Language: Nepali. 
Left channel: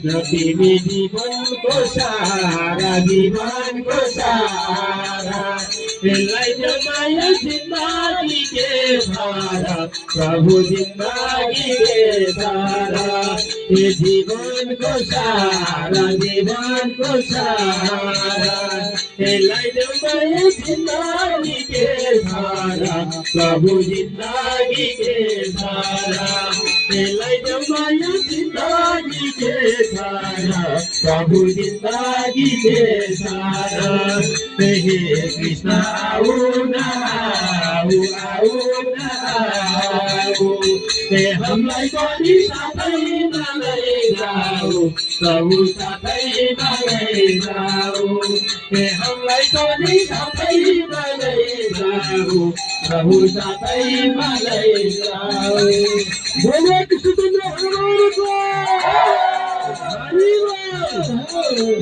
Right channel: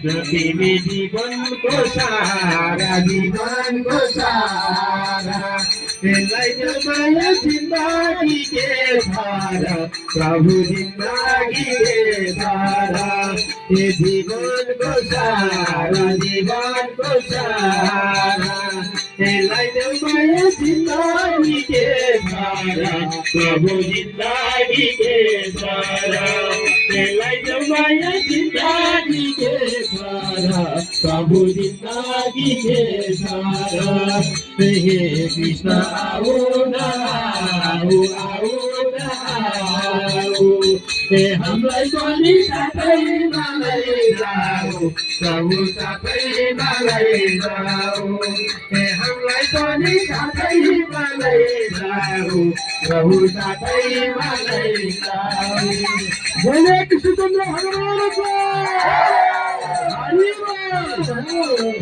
तिमी जीवनको सारा जीवनको सारा यसलाई माया जिन्दगी के सारा प्रभु जिन्दगी के सारा ये जीवनको सारा जीवनको सारा यसलाई माया जिन्दगी के सारा प्रभु जिन्दगी के सारा यसलाई माया जिन्दगी के सारा प्रभु जिन्दगी के सारा हे कृष्ण आऊ न आऊ आऊ न आऊ हे हमलाई पनि साथैमा लैजाऊ प्रभु साथैमा लैजाऊ हे हमलाई पनि साथैमा लैजाऊ प्रभु साथैमा लैजाऊ बोले कृष्णचन्द्र भगवानको हरि बोल